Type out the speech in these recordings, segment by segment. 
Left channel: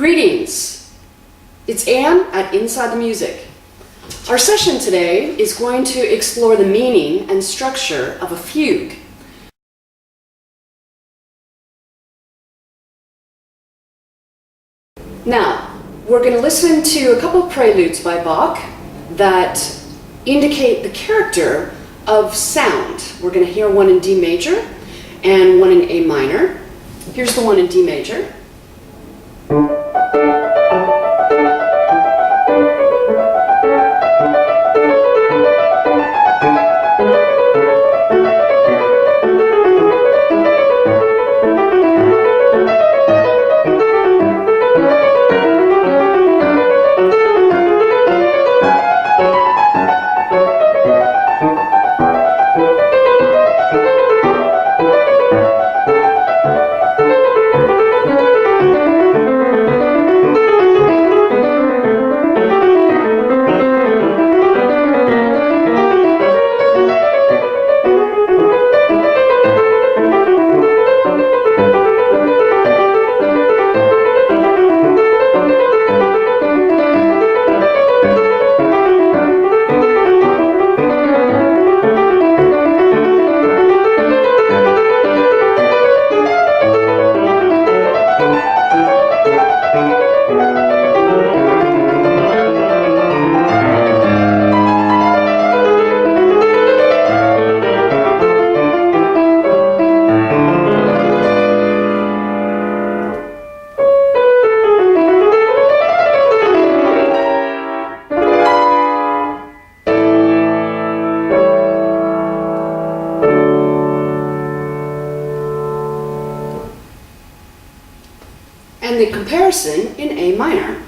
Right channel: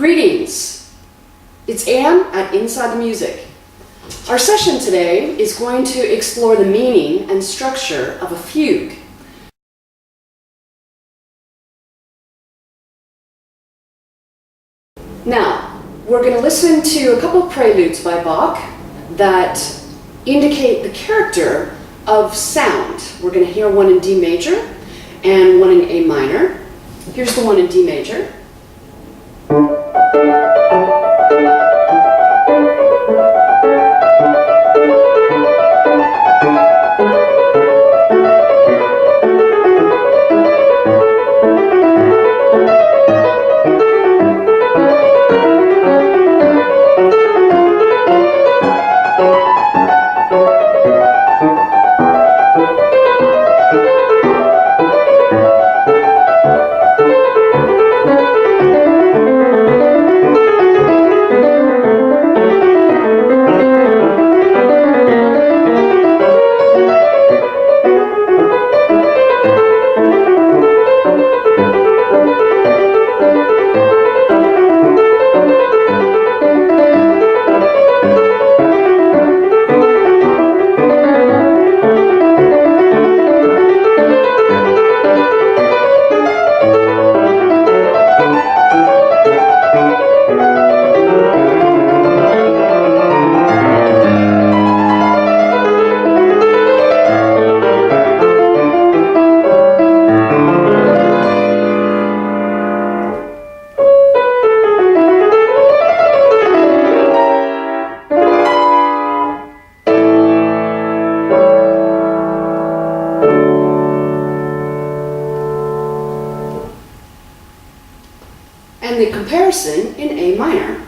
Greetings! It's Ann at Inside the Music. Our session today is going to explore the meaning and structure of a fugue. Now, we're going to listen to a couple of preludes by Bach that indicate the character of sound. We're going to hear one in D major and one in A minor. Here's the one in D major. And the comparison in A minor.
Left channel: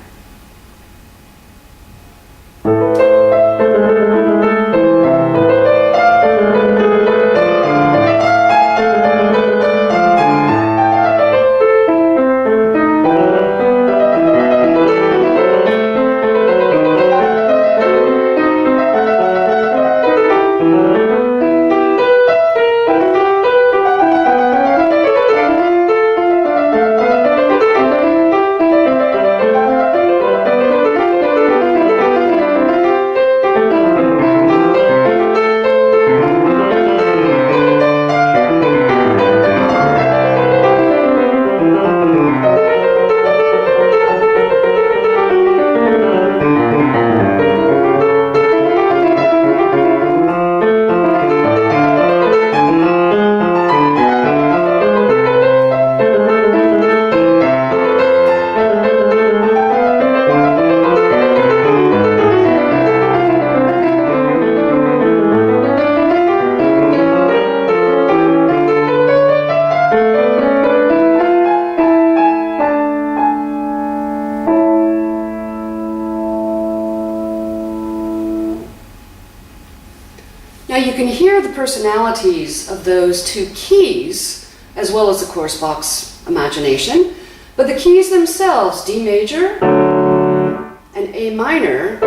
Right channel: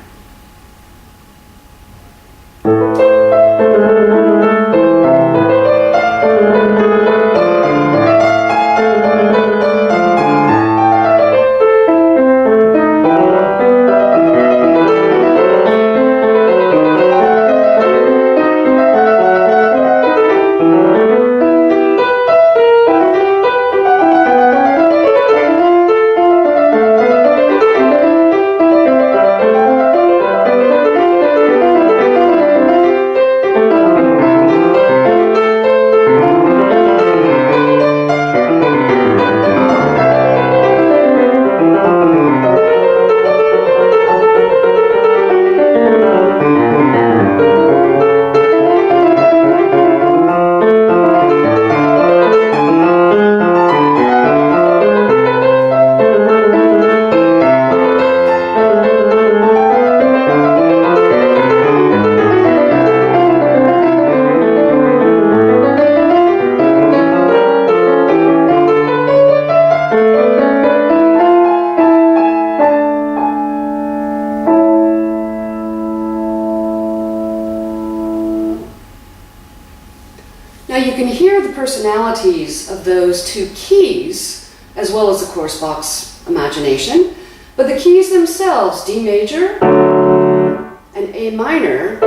Now you can hear the personalities of those two keys, as well as, of course, Bach's imagination, but the keys themselves, D major and A minor,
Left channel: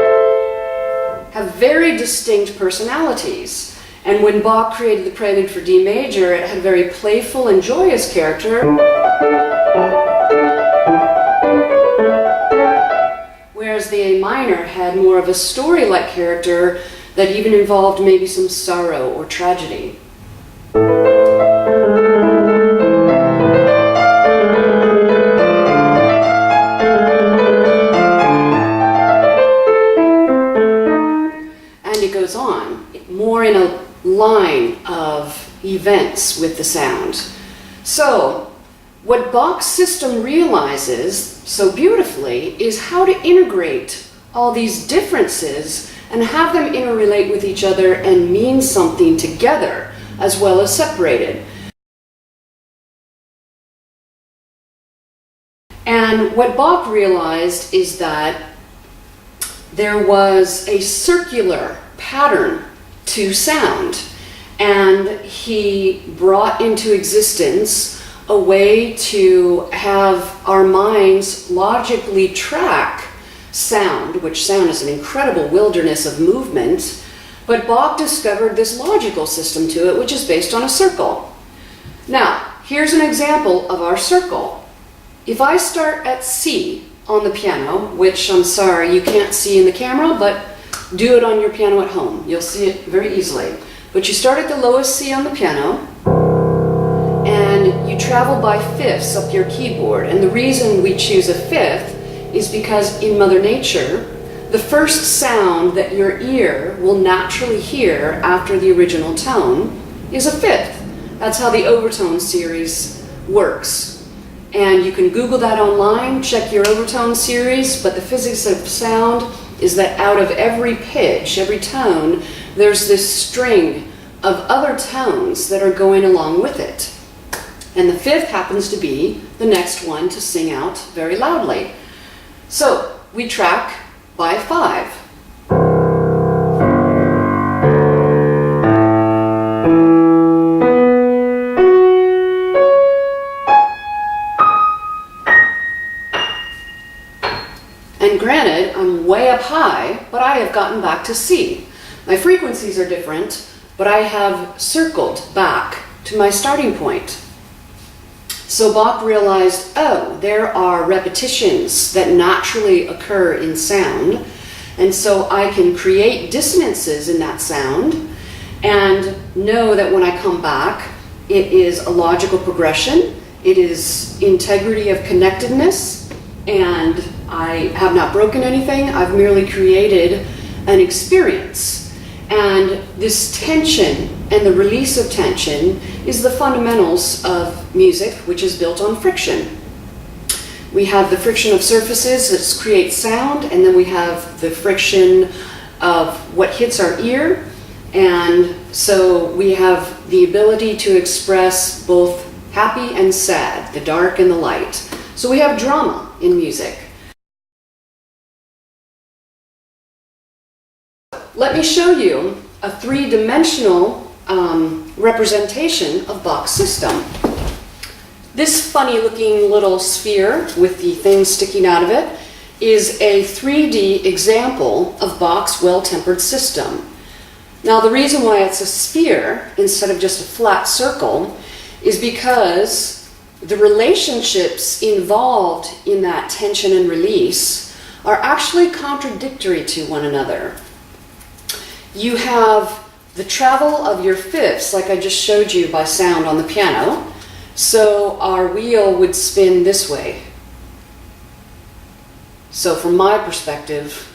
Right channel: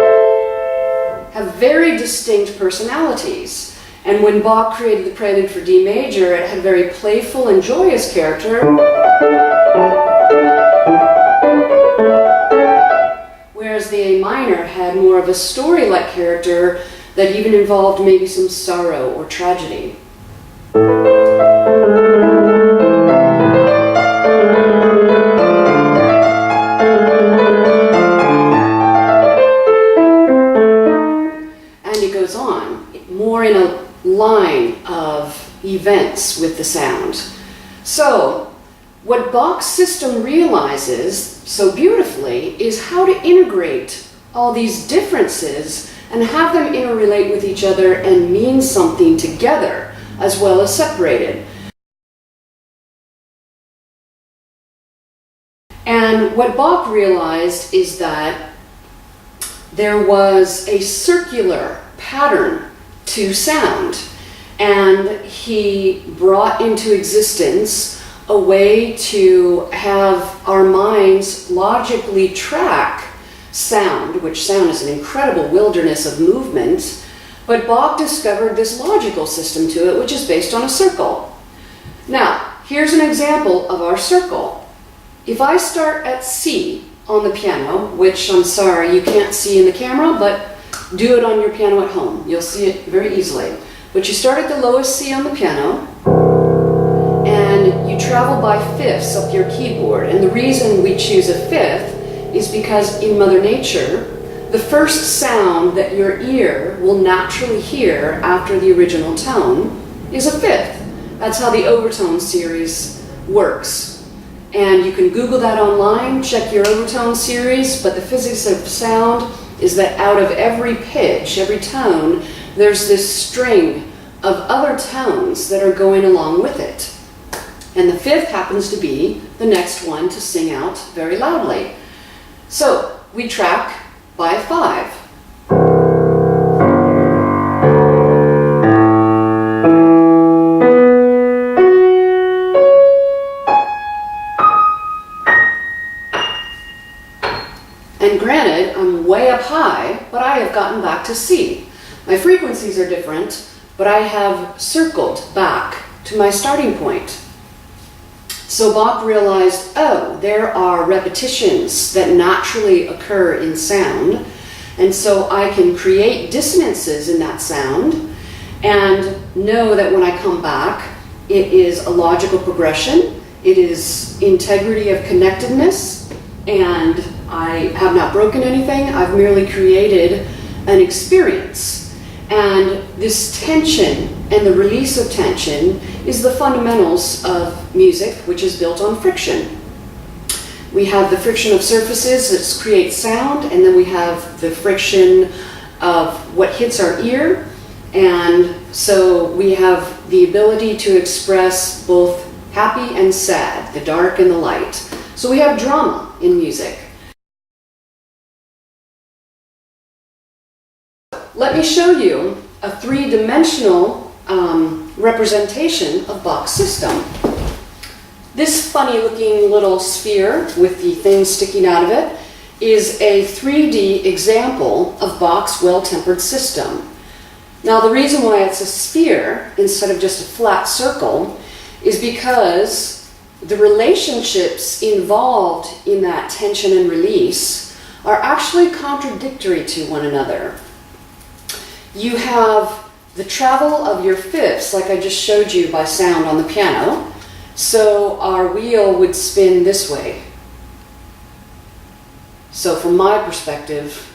have very distinct personalities. And when Bach created the prelude for D major, it had a very playful and joyous character, whereas the A minor had more of a story-like character that even involved maybe some sorrow or tragedy. And it goes on, more in a line of events with the sound. So, what Bach's system realizes so beautifully is how to integrate all these differences and have them interrelate with each other and mean something together as well as separated. And what Bach realized is that there was a circular pattern to sound, and he brought into existence a way to have our minds logically track sound, which sound is an incredible wilderness of movement, but Bach discovered this logical system to it, which is based on a circle. Now, here's an example of our circle. If I start at C on the piano, which I'm sorry you can't see in the camera, but do it on your piano at home. You'll see it very easily. But you start at the lowest C on the piano, and you travel by fifths up your keyboard. And the reason we choose a fifth is because in Mother Nature, the first sound that your ear will naturally hear after the original tone is a fifth. That's how the overtone series works. And you can Google that online, check your overtone series, but the physics of sound is that out of every pitch, every tone, there's this string of other tones that are going along with it. And the fifth happens to be the next one to sing out very loudly. So we track by 5. And granted, I'm way up high, but I have gotten back to C. My frequencies are different, but I have circled back to my starting point. So Bach realized, oh, there are repetitions that naturally occur in sound, and so I can create dissonances in that sound and know that when I come back, it is a logical progression, it is integrity of connectedness, and I have not broken anything, I've merely created an experience. And this tension and the release of tension is the fundamentals of music, which is built on friction. We have the friction of surfaces that create sound, and then we have the friction of what hits our ear. And so we have the ability to express both happy and sad, the dark and the light. So we have drama in music. Let me show you a three-dimensional representation of Bach's system. This funny-looking little sphere with the thing sticking out of it is a 3D example of Bach's well-tempered system. Now, the reason why it's a sphere instead of just a flat circle is because the relationships involved in that tension and release are actually contradictory to one another. You have the travel of your fifths, like I just showed you by sound on the piano. So our wheel would spin this way. So from my perspective,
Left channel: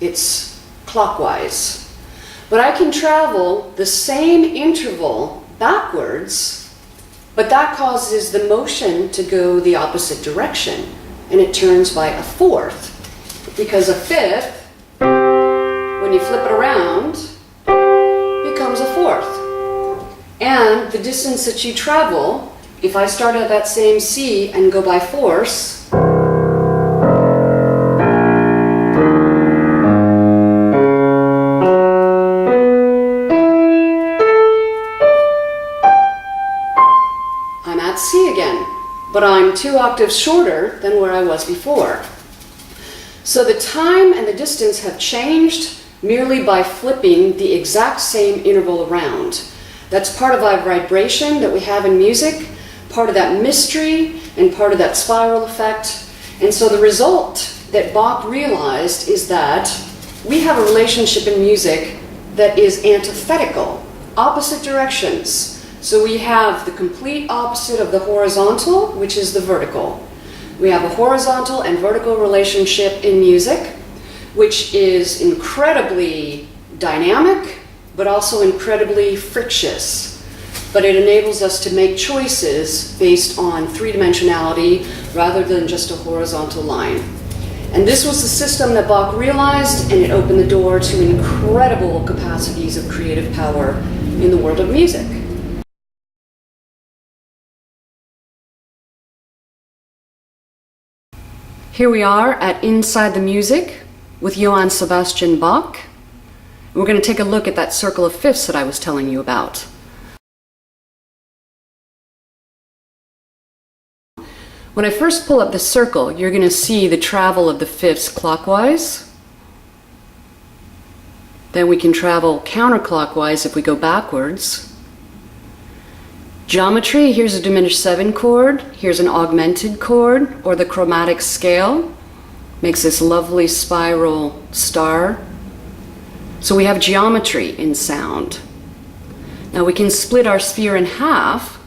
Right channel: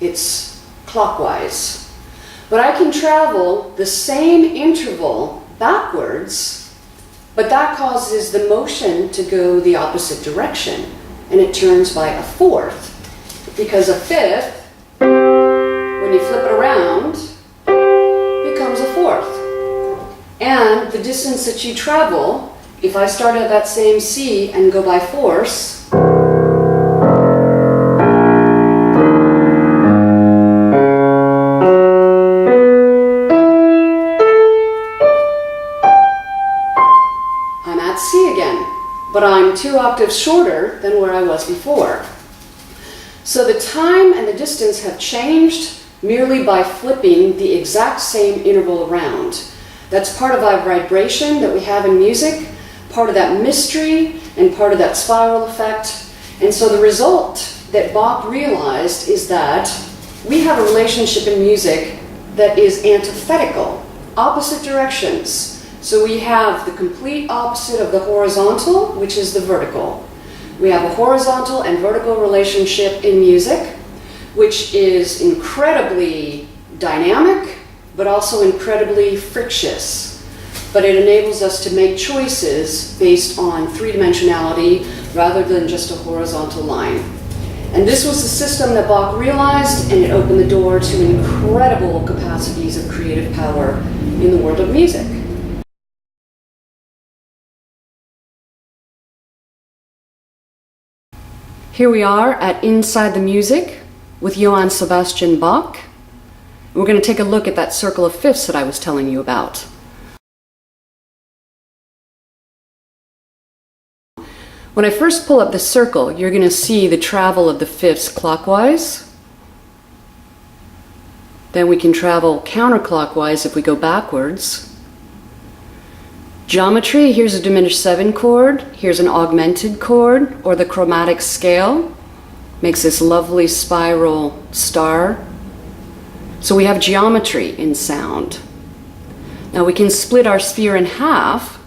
it's clockwise. But I can travel the same interval backwards, but that causes the motion to go the opposite direction, and it turns by a fourth. Because a fifth, when you flip it around, becomes a fourth. And the distance that you travel, if I start at that same C and go by fourths, I'm at C again, but I'm 2 octaves shorter than where I was before. So the time and the distance have changed merely by flipping the exact same interval around. That's part of our vibration that we have in music, part of that mystery, and part of that spiral effect. And so the result that Bach realized is that we have a relationship in music that is antithetical, opposite directions. So we have the complete opposite of the horizontal, which is the vertical. We have a horizontal and vertical relationship in music, which is incredibly dynamic, but also incredibly frictious. But it enables us to make choices based on three-dimensionality rather than just a horizontal line. And this was the system that Bach realized, and it opened the door to incredible capacities of creative power in the world of music. Here we are at Inside the Music with Johann Sebastian Bach. We're going to take a look at that circle of fifths that I was telling you about. When I first pull up the circle, you're going to see the travel of the fifths clockwise. Then we can travel counterclockwise if we go backwards. Geometry, here's a diminished 7 chord, here's an augmented chord, or the chromatic scale. makes this lovely spiral star. So we have geometry in sound. Now we can split our sphere in half,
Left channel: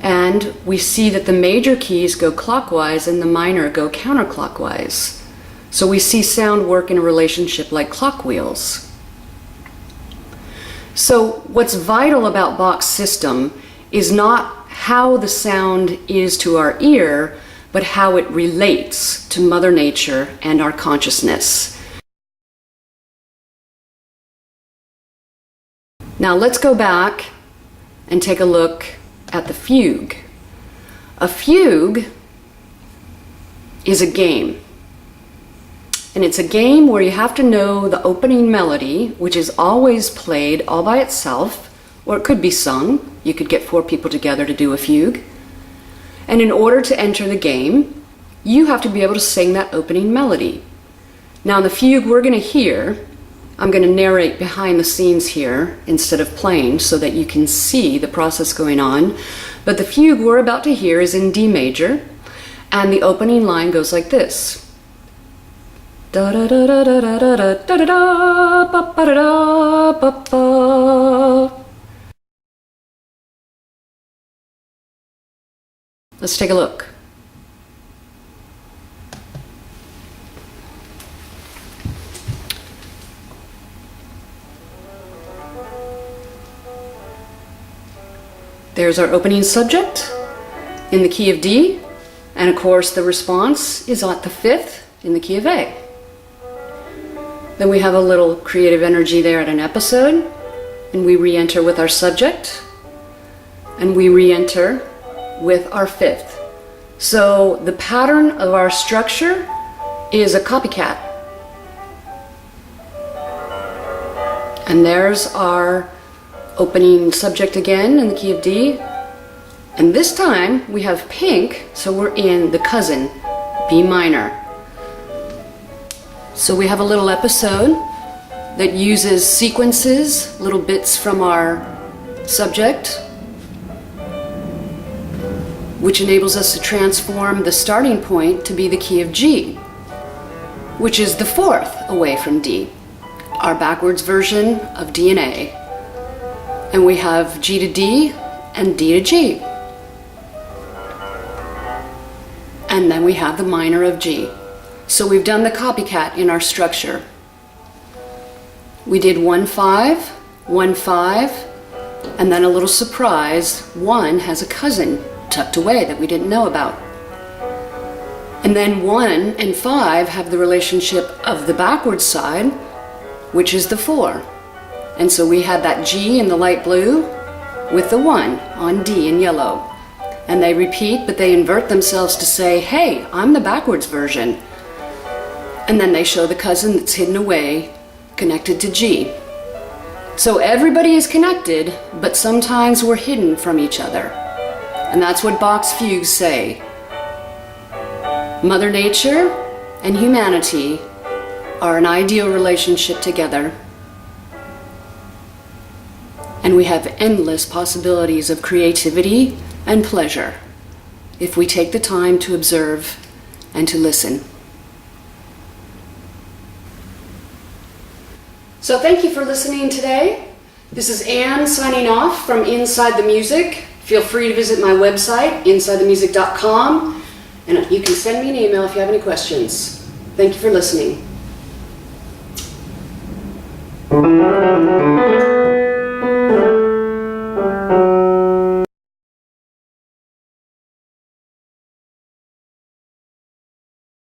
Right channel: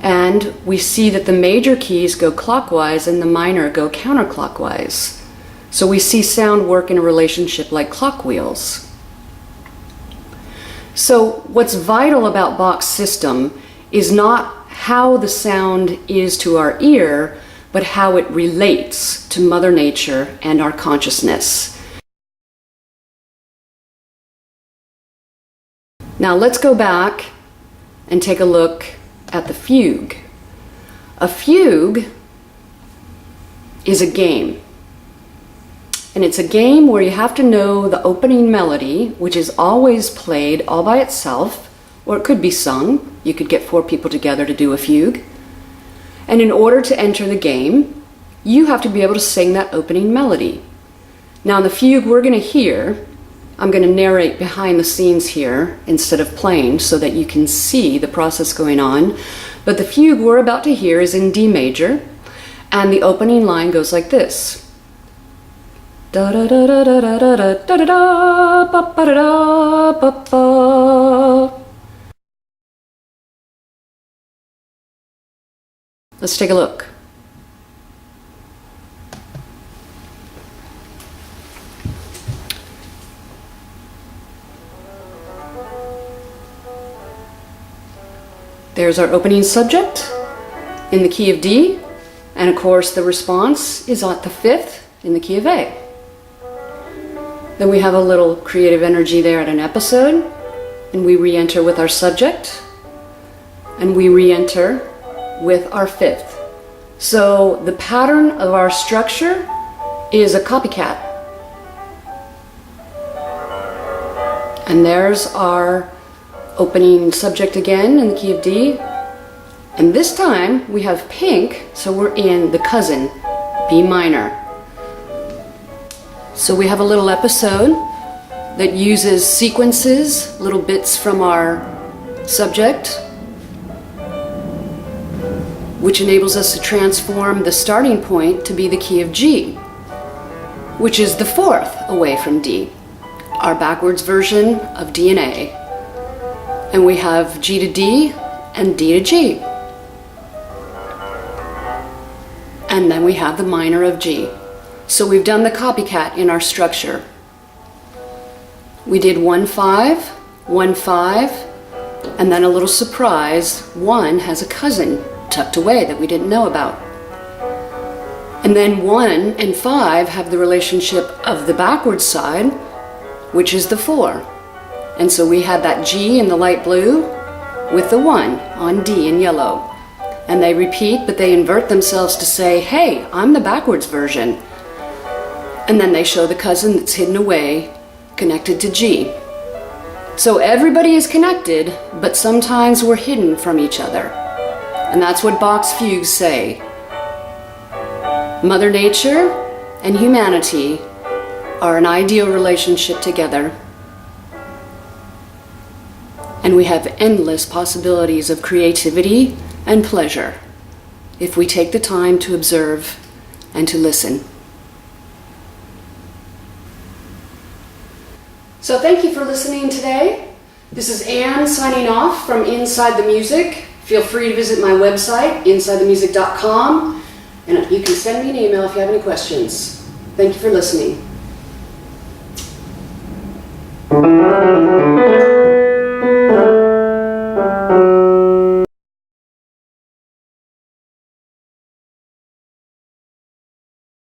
and we see that the major keys go clockwise and the minor go counterclockwise. So we see sound work in a relationship like clock wheels. So what's vital about Bach's system is not how the sound is to our ear, but how it relates to Mother Nature and our consciousness. Now let's go back and take a look at the fugue. A fugue is a game. And it's a game where you have to know the opening melody, which is always played all by itself, or it could be sung. You could get 4 people together to do a fugue. And in order to enter the game, you have to be able to sing that opening melody. Now in the fugue we're going to hear, I'm going to narrate behind the scenes here instead of playing so that you can see the process going on. But the fugue we're about to hear is in D major, and the opening line goes like this. Da da da da da da da da da da ba ba da da ba ba. Let's take a look. There's our opening subject in the key of D, and of course the response is at the 5th in the key of A. Then we have a little creative energy there at an episode, and we re-enter with our subject, and we re-enter with our 5th. So the pattern of our structure is a copycat. And there's our opening subject again in the key of D. And this time we have pink, so we're in the cousin, B minor. So we have a little episode that uses sequences, little bits from our subject, which enables us to transform the starting point to be the key of G, which is the 4th away from D, our backwards version of D and A. And we have G to D and D to G. And then we have the minor of G. So we've done the copycat in our structure. We did 1-5, 1-5, and then a little surprise, 1 has a cousin tucked away that we didn't know about. And then 1 and 5 have the relationship of the backwards side, which is the 4. And so we had that G in the light blue with the 1 on D in yellow. And they repeat, but they invert themselves to say, hey, I'm the backwards version. And then they show the cousin that's hidden away, connected to G. So everybody is connected, but sometimes we're hidden from each other. And that's what Bach's fugues say. Mother Nature and humanity are an ideal relationship together. And we have endless possibilities of creativity and pleasure if we take the time to observe and to listen. So thank you for listening today. This is Ann signing off from Inside the Music. Feel free to visit my website, AnnInsideTheMusicBach, and you can send me an email if you have any questions. Thank you for listening.